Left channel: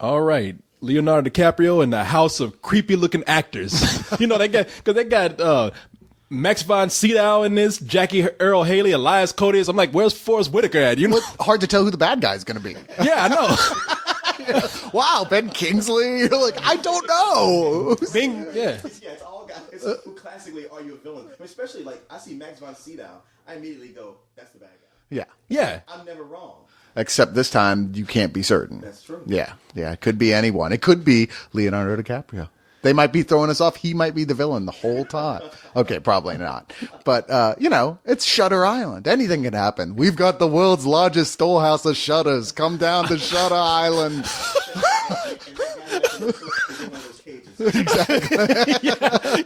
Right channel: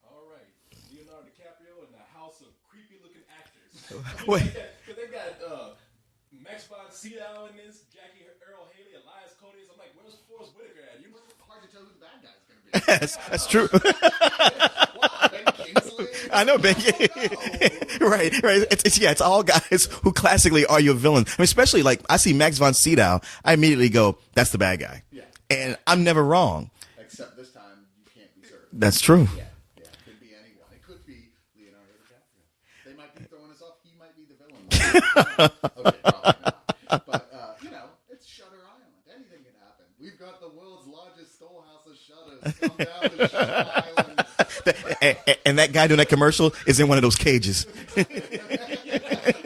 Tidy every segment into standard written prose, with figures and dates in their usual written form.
All right. Leonardo DiCaprio and the house of creepy looking actors. They got Max von Sydow in this, Jackie Earl Haley, Elias Koteas. I'm like, where's Forrest Whitaker at? You know? Hard to tell who the bad guy's going to be. Yeah, I know. Wow, Ben Kingsley. I know, I don't know. right. It's all guys who classically are your villains. I mean, especially like I see Max von Sydow, I immediately go, that's the bad guy. Yeah. And I'm never wrong. Except this time you can't be certain. That's true. Yeah. It could be anyone. It could be Leonardo DiCaprio. They might be throwing us off. He might be the villain the whole time. Okay, probably not. But, it's Shutter Island. Anything can happen. We've got the world's largest storehouse of shutters. Come down to Shutter Island. and that guy doing that commercial is in one of those cages.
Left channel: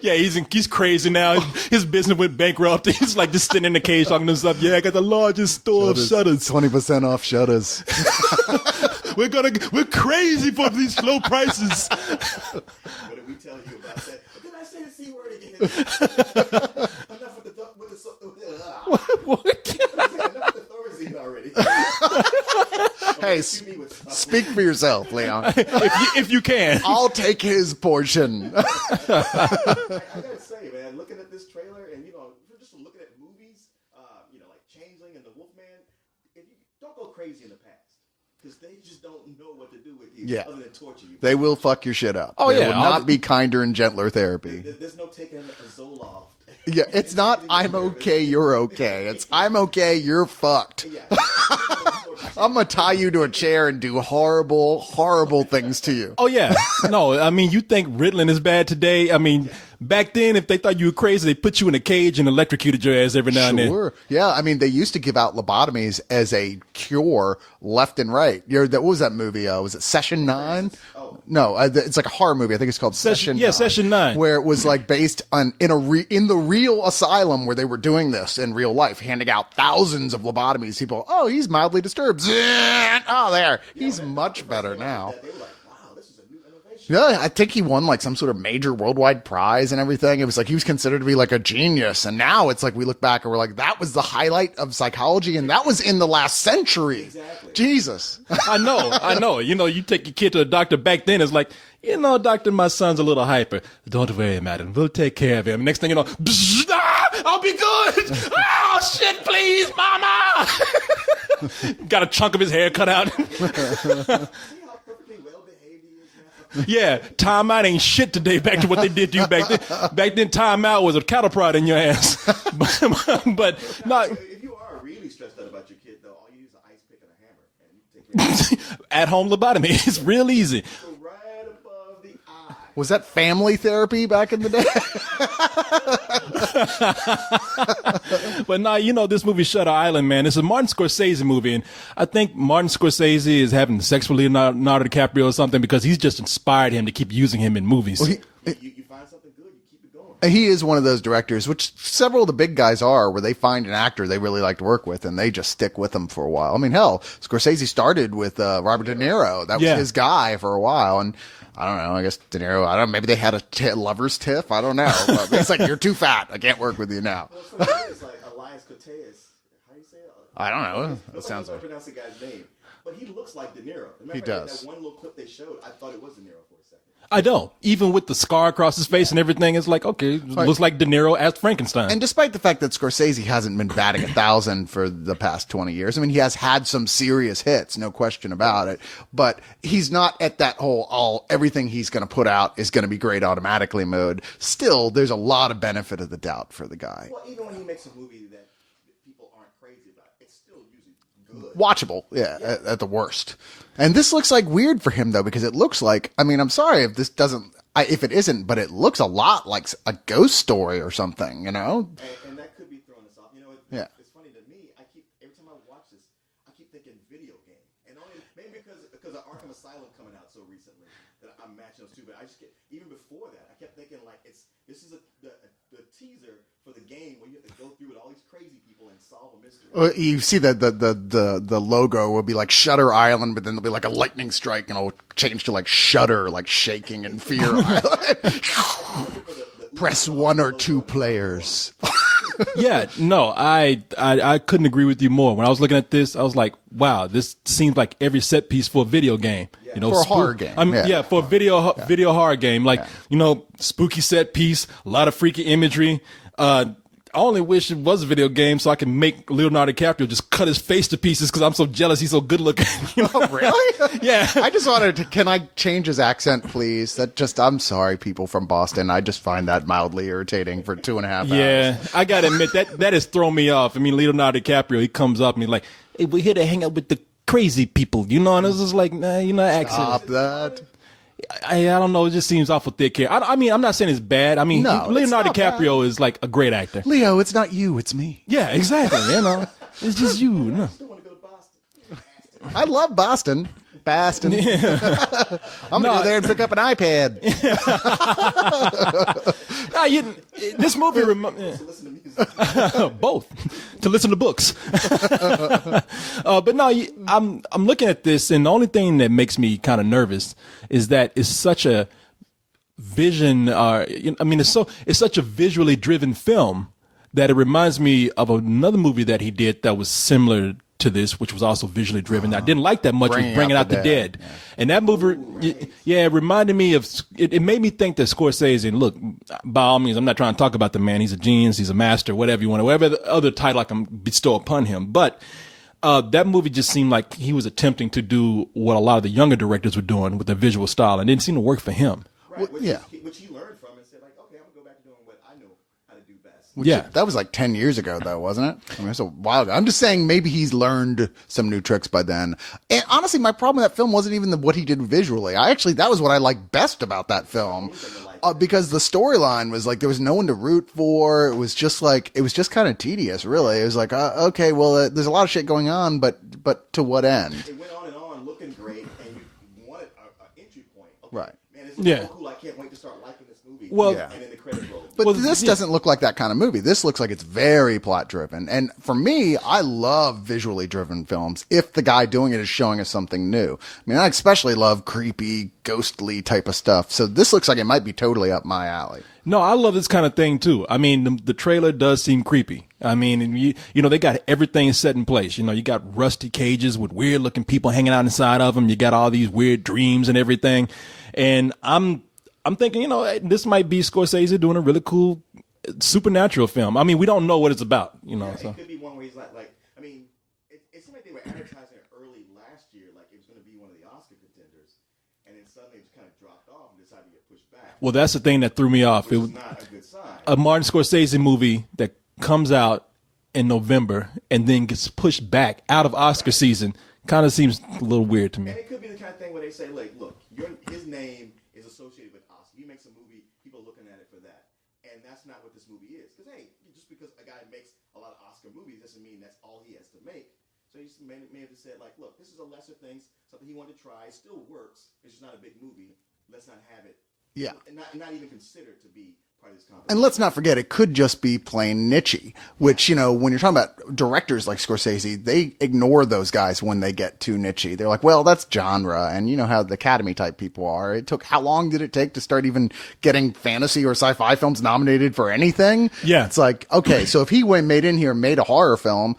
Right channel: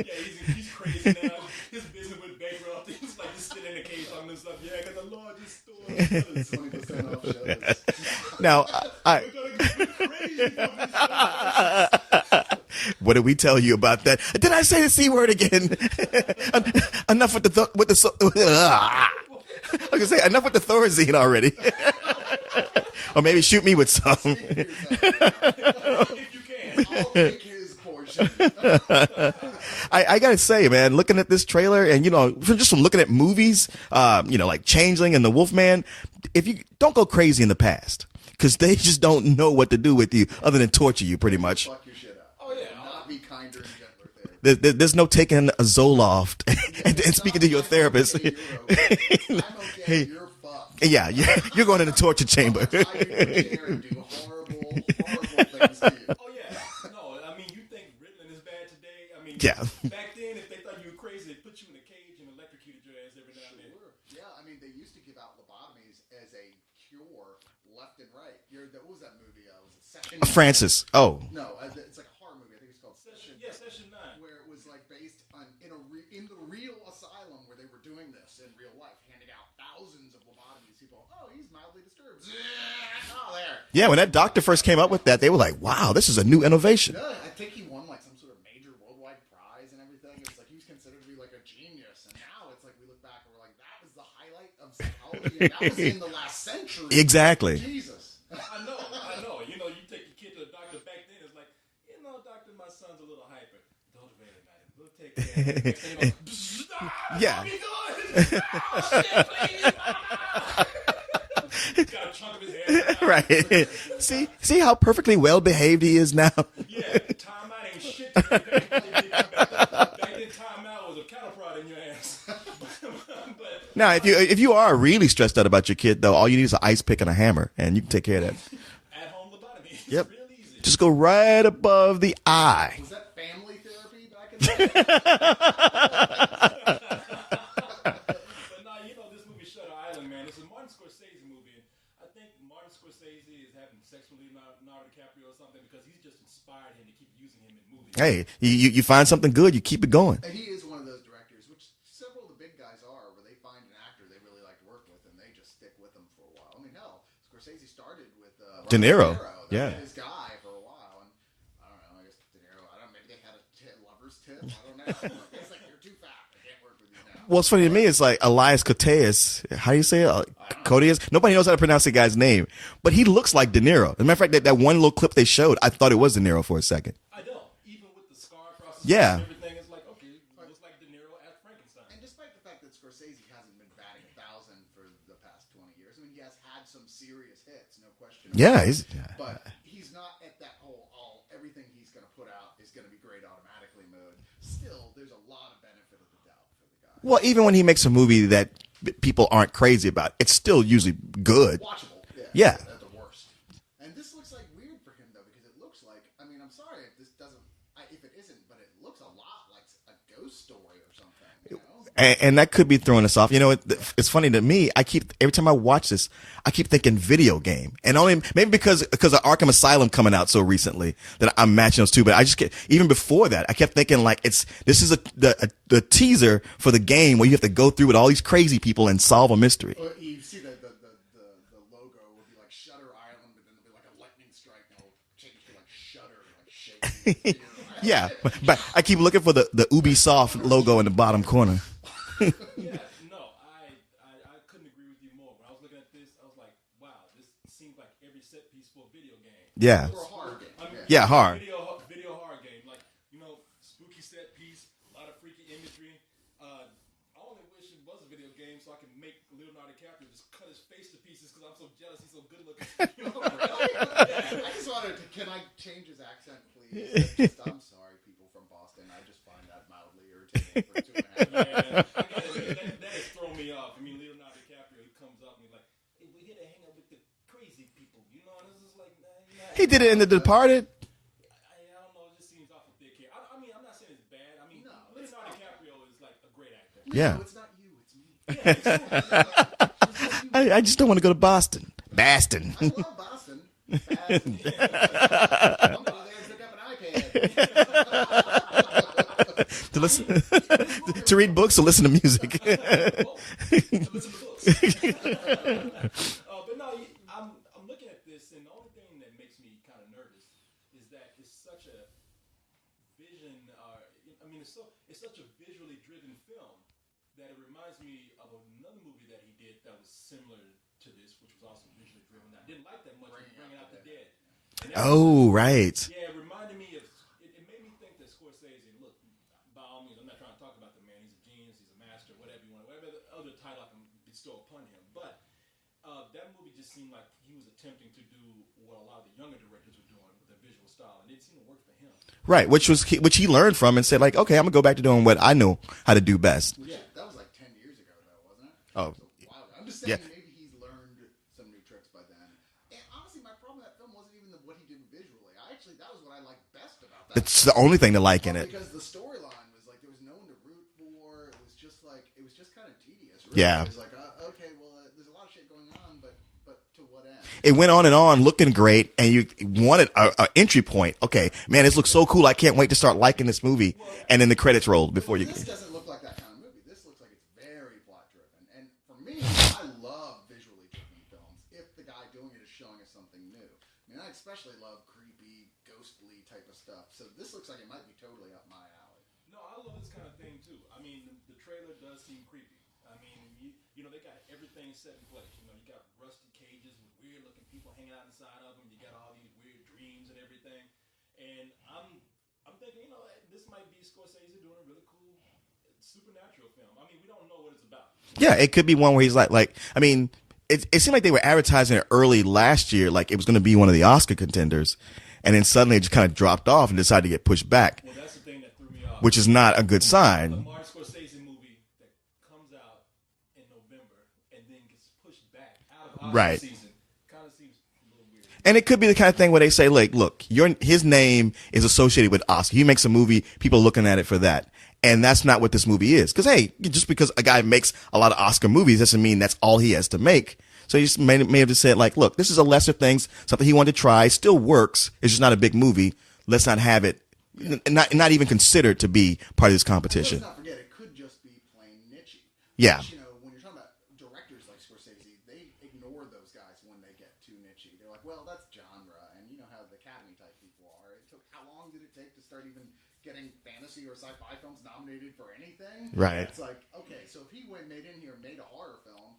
Yeah, he's crazy now. His business went bankrupt. He's like just sitting in the cage talking to himself. Yeah, I got the largest store of shutters. 20% off shutters. Now, we're crazy for these low prices. What did we tell you about that? Did I say the C word again? Enough with the enough with the Thorazine already. Or maybe shoot me with some. Speak for yourself, Leon. if you can. I'll take his portion. I gotta say, man, looking at this trailer and just from looking at movies, like Changeling and The Wolfman, if you don't go crazy in the past. Because they just don't know what to do with you other than torture you, pretty much. They will fuck your shit up. Oh, there yeah. will not be kinder and gentler therapy. There's no taking a Zoloft. Yeah, it's not, I'm therapist. okay, you're okay. It's, I'm okay, you're fucked. Yeah, you're going to the torture chamber. I'm going to tie you to a chair and do horrible, horrible things to you. Oh, yeah. No, I mean, you think Ritalin is bad today? I mean, back then, if they thought you were crazy, they put you in a cage and electrocuted your ass every now and then. Sure. Yeah, I mean, they used to give out lobotomies as a cure left and right. What was that movie? Was it Session 9? Francis. Oh. No, it's like a horror movie. I think it's called Session 9. Yeah, Session 9. Where it was like based on in the real asylum where they were doing this in real life, handing out thousands of lobotomies. People, he's mildly disturbed. Oh, there. Yeah, He's when that doctor much first better came up now. with that, they were like, wow, this is a new innovation. Yeah, I think he won like some sort of major worldwide prize and everything. It was like he was considered to be like a genius. And now it's like we look back and we're like, that was the highlight of psychology. And that was in the last century. Exactly. Jesus. I know. You take your kid to a doctor back then, it's like, doctor, my son's a little hyper. Don't worry, madam. We'll take care of him. Next thing you know, I'll be good. Oh, shit, please, mama. Got a chunk of his hair cut out. Right. See how perfectly well behaved he is now? Yeah, timeout ain't shit today back to what they did to you back then. Back then, timeout was a cattle prod in your ass. but now, if you are really stressed out about your kid, though, all you need is an ice pick and a hammer, and you can take care of it. At-home lobotomy. It's real easy. Just go right above the eye. Was that family therapy back in the day? But now, this movie Shutter Island, man, it's a Martin Scorsese movie, and I think Martin Scorsese is having sex with Leonardo DiCaprio or something because he's just inspired him to keep using him in movies. Hey, you find something good, you keep it going. He is one of those directors, which several of the big guys are, where they find an actor they really like to work with, and they just stick with them for a while. I mean, hell, Scorsese started with Robert De Niro. That was his guy for a while, and I don't know. I guess De Niro, I don't know. Maybe they had a lover's tiff. I don't know. But it's like, you're too fat. I can't work with you now. Well, it's funny to me. It's like Elias Koteas. How do you say it? I don't know. Koteas? Nobody knows how to pronounce the guy's name. But he looks like De Niro. As a matter of fact, that one little clip they showed, I thought it was De Niro for a second. I don't. Even with the scar across his face and everything, it's like, okay, looks like De Niro as Frankenstein. And despite the fact that Scorsese hasn't been batting 1,000 for the past 20 years, I mean, he has had some serious hits, no question about it. But he's not at that whole, everything he's going to put out is going to be great automatically mode. Still, there's a lot of benefit of the doubt for the guy. Well, even when he makes a movie that people aren't crazy about, it's still usually good. Watchable, yeah. At the worst. And this looks like weird for him, though, because it looks like, I mean, I'm sorry if this doesn't, if it isn't, but it looks a lot like a ghost story or something, And that could be throwing us off. It's funny to me. Every time I watch this, I keep thinking video game, and only maybe because of Arkham Asylum coming out so recently that I'm matching those two. But I just even before that, I kept thinking like this is the teaser for the game where you have to go through with all these crazy people and solve a mystery. You see that the logo will be like Shutter Island, but then there'll be like a lightning strike, and it'll change to like Shudder, like shaking in fear. Yeah, but I keep looking for the Ubisoft logo in the bottom corner. Yeah, no, I couldn't agree with you more. When I was looking at this, I was like, wow, this seems like every set piece for a video game. Yeah. For a horror game. I mean, Yeah. for horror. a video horror game. Like, spooky set piece, a lot of freaky imagery. I only wish it was a video game so I can make Leonardo DiCaprio just cut his face to pieces because I'm so jealous he's so good looking. Oh, really? Yeah. I just wanted to, can I change his accent, please? I'm sorry, people from Boston. I just find that mildly irritating for 2.5 hours. Yeah, I gotta admit that has thrown me off. I mean, Leonardo DiCaprio, he comes up and he's like, "Hey, we're here to hang out with the crazy people," and it's just like, nah, He did it in The Departed. I don't know. It just seems awful thick here. I mean, I'm not saying it's bad. I mean, No, Leonardo it's not DiCaprio is like a great actor. Leo, it's not you, it's me. Yeah, exactly. It's just you. I just don't want to go to Boston. Boston. I love Boston. Boston. I'm going to go there and pick up an iPad. This movie To read books or listen to music. both to listen to books. But no, I'm looking at this, and the only thing that makes me kind of nervous is that it's such a vision. It's such a visually driven film that it reminds me of another movie that he did that was similar to this, which was also visually driven. I didn't like that much. Was Bringing Out the Dead. Yeah. And that movie, Oh, right. it reminded me of. It made me think that Scorsese. And look, by all means, I'm not trying to talk about the man. He's a genius. He's a master. Whatever you want, whatever the other title I can bestow upon him. But that movie just seemed like he was attempting to do what a lot of the younger directors were doing with their visual style, and it didn't seem to work for him. Right, which he learned from and said, like, okay, I'm gonna go back to doing what I know how to do best. Yeah. That was like 10 years ago, though, wasn't it? I mean, it's a while ago. I'm just saying maybe he's learned some new tricks by then. And honestly, my problem with that film wasn't even what he did visually. That was what I liked best about that It's film. the only thing to like in it. Because the storyline was like, there was no one to root for. It was just kind of tedious, really. Yeah. It was like, okay, well, there's a lot of shit going on, but to what end? It went on and on, looking great, and you wanted an entry point. Okay, man, this looks so cool. I can't wait to start liking this movie. Well, and then the credits rolled. But this doesn't look like that kind of movie. This looks like it's very plot driven. And for me, I love visually driven films if the guy doing it is showing us something new. I mean, I especially love creepy, ghostly type of stuff. So this looks like it might be totally up my alley. No, I love this kind of thing too. I mean, the trailer does seem creepy. I mean, and they got everything set in place. You got rusty cages with weird looking people hanging out inside of them. You got all these weird dreams and everything. And I'm thinking, this might be Scorsese doing a really cool supernatural film. I mean, we don't know what it's about. Yeah, it could be one where he's like I mean, it seemed like they were advertising it early last year, like it was going to be one of the Oscar contenders. And then suddenly it just kind of dropped off and decided to get pushed back. Well, that's the thing that threw me off. Which is not a good sign. A Martin Scorsese movie that comes out in November and then gets pushed back out of Oscar season kind of seems a little weird to me. And it could be the kind of thing where they say, like, look, his name is associated with Oscar. He makes a movie, people are looking at it for that. And that's not what this movie is. Because, hey, just because a guy makes a lot of Oscar movies doesn't mean that's all he has to make. So he just may have just said, like, look, this is a lesser thing, something he wanted to try, still works. It's just not a big movie. Let's not have it, not even considered to be part of this competition. And let's not forget, it could just be plain niche-y, which, when you're talking about directors like Scorsese, they ignore those guys when they get too niche-y. They're like, well, that's genre, and you know how the Academy type people are. How long did it take to start even getting fantasy or sci-fi films nominated for anything? Right. Yeah. It's like, okay, so if he made a horror film,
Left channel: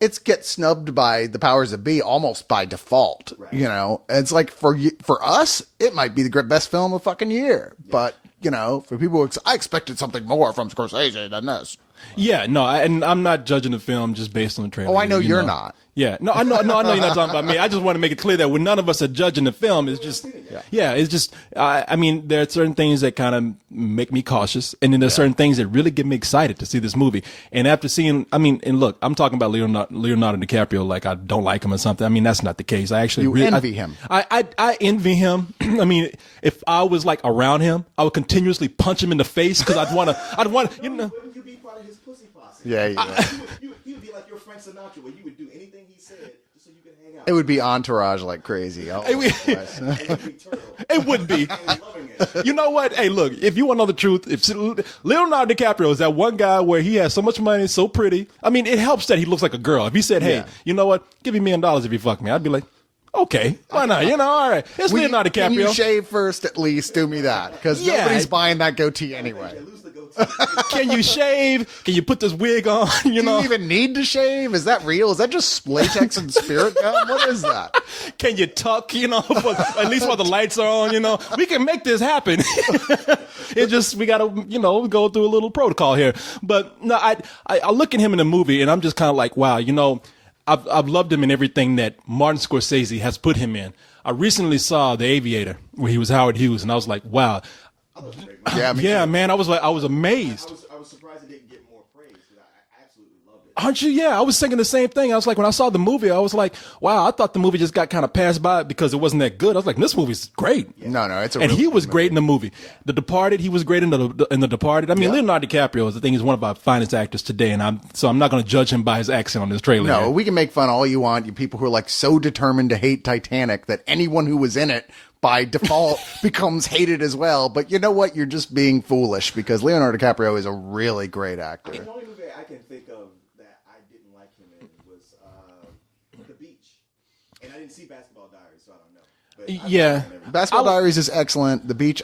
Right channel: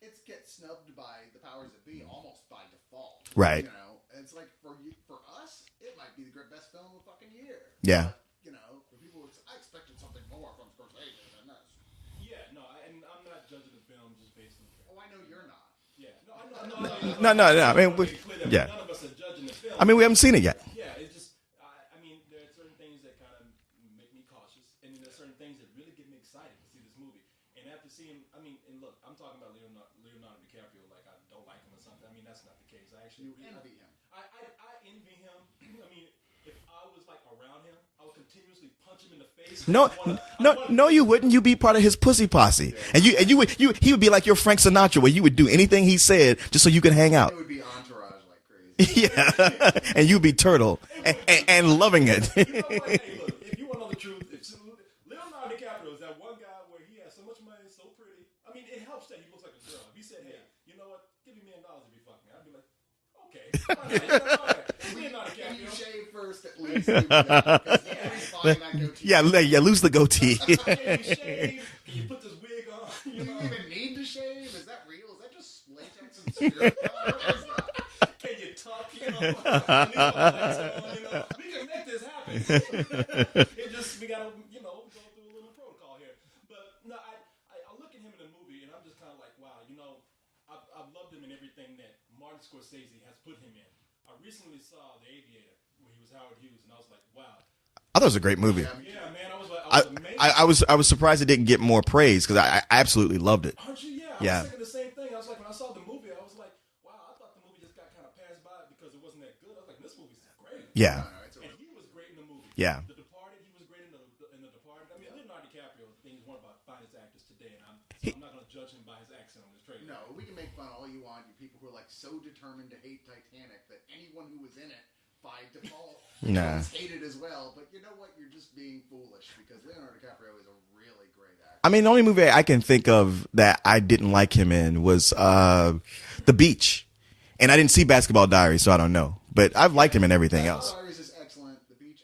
it gets snubbed by the powers that be almost by default. Right. It's like for us, it might be the best film of fucking year. Yeah. But, for people, I expected something more from Scorsese than this. Yeah, no, and I'm not judging the film just based on the trailer. Oh, I know you're not. Yeah, no, I know you're not talking about me. I just want to make it clear that yeah. none of us are judging the film. I mean, we haven't seen it yet. Yeah, it's just, I mean, there are certain things that kind of make me cautious, and then there's certain things that really get me excited to see this movie. And after seeing, and look, I'm talking about Leonardo DiCaprio like I don't like him or something. I mean, that's not the case. I actually envy him. I envy him. I mean, if I was like around him, I would continuously punch him in the face because I'd want to. No, you wouldn't. You'd be part of his pussy posse. Yeah, and he would be like your Frank Sinatra, where you would do anything he said just so you could hang out. It would be Entourage like crazy. And you'd be Turtle. It would be. And loving it. You know what? Hey, look, if you want to know the truth, if Leonardo DiCaprio is that one guy where he has so much money, so pretty. I mean, it helps that he looks like a girl. If he said, hey, you know what? Give me $1 million if you fuck me. I'd be like, Okay, why not? All right. It's Leonardo Can you DiCaprio. shave first at least? Do me that. Because Yeah. nobody's buying that goatee. Yeah, anyway. yeah, lose the goatee. Can you shave? Can you put this wig on? You Do know? you even need to shave? Is that real? Is that just latex and spirit gum? What is that? Can you tuck? At least while the lights are on. We can make this happen. It just we gotta go through a little protocol here. But no, I look at him in the movie and I'm just kind of like, wow, I've loved him in everything that Martin Scorsese has put him in. I recently saw The Aviator where he was Howard Hughes, and I was like, wow. I thought it was a great movie. Yeah, Man, I was amazed. I was surprised it didn't get more praise because I absolutely loved it. Aren't you? Yeah, I was thinking the same thing. I was like, when I saw the movie, I was like, wow, I thought the movie just got kind of passed by because it wasn't that good. I was like, this movie's great. Yeah. No, it's a And really he was good great in the movie. Yeah. The Departed, he was great in the Departed. I mean, Leonardo DiCaprio is he's one of our finest actors today, and I'm not going to judge him by his accent on this trailer. No, here. we can make fun all you want. You people who are like so determined to hate Titanic that anyone who was in it by default becomes hated as well. But you know what? You're just being foolish because Leonardo DiCaprio is a really great actor. I mean, the only movie I can think of that I didn't like him in was The Beach. And I didn't see Basketball Diaries, so I don't know. But I've liked him in everything Basketball else. Diaries is excellent. The Beach,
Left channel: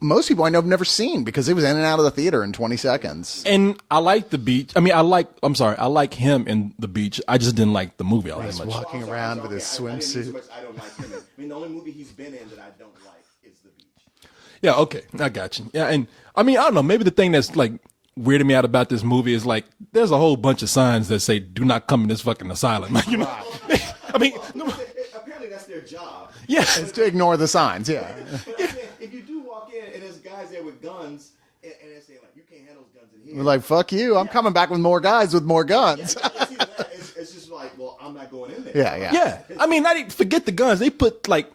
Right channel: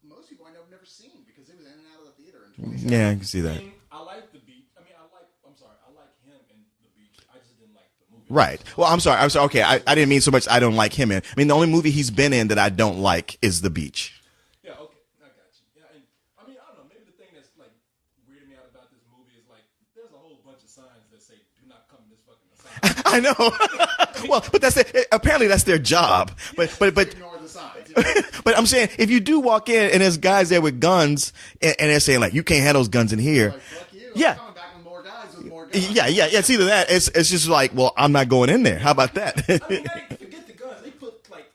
most people I know have never seen because it was in and out of the theater in 20 seconds. see that. And I like The Beach. I mean, I like him in The Beach. I just didn't like the movie. I Right. was like, Well, I'm sorry. Okay, I didn't mean swimsuit. so much I don't like him in. I mean, the only movie he's been in that I don't like is The Beach. yeah, okay. I got you. Yeah, and I mean, I don't know. Maybe the thing that's like weirded me out about this movie is like there's a whole bunch of signs that say "Do not come in this fucking asylum." I know. I mean, but apparently that's their job. Yeah, but To ignore the signs. Yeah. but I'm saying if you do walk in and there's guys there with guns and they're saying like you can't have those guns in here. Like, fuck you. I'm Yeah. coming back with more guys with more guns. Yeah. It's either that. It's just like, well, I'm not going in there. How about Yeah, that? I mean, not even, forget the guns. They put like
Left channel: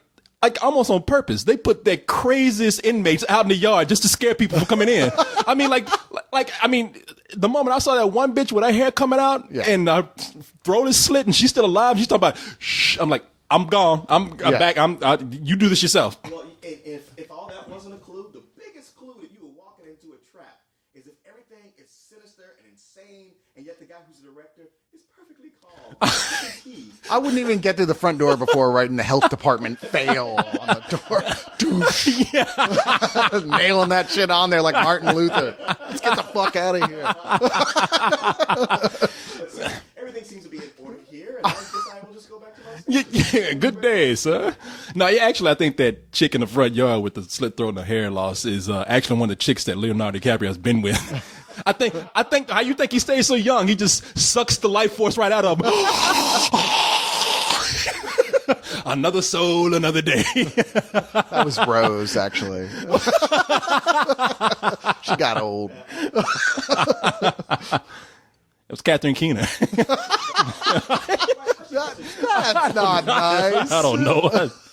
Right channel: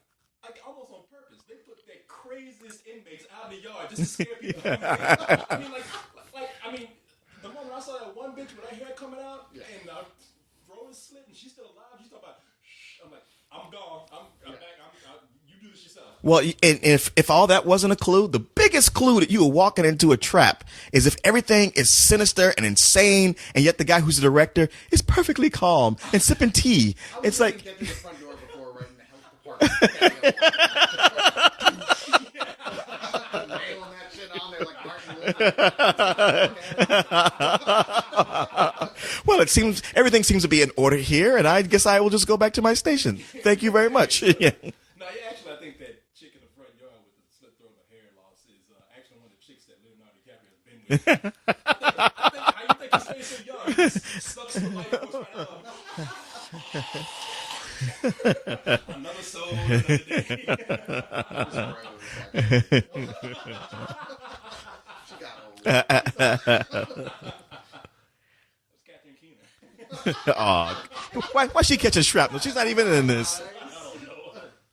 almost on purpose. They put their craziest inmates out in the yard just to scare people from coming in. I mean, I mean, the moment I saw that one bitch with her hair coming out and throat is slit and she's still alive, she's talking about, shh. I'm like, I'm gone. I'm back. You do this yourself. Well, and if all that wasn't a clue, the biggest clue that you were walking into a trap is if everything is sinister and insane, and yet the guy who's the director is perfectly calm and sipping tea. I wouldn't even get to the front door before writing the health department fail. Nailing that shit on there like Martin Luther. Let's get the fuck out of here. Well, everything seems to be in order here, and I guess I will just go back to my station. Thank you Good very days, much. huh? Yeah. No, actually, I think that chick in the front yard with the slit throat and the hair loss is actually one of the chicks that Leonardo DiCaprio has been with. I think how you think he stays so young? He just sucks the life force right out of him. Another soul, another day. That was Rose, actually. She got old. It was Catherine Keener. Why she catching shrapnel? She's not even in this. Nice. I don't know.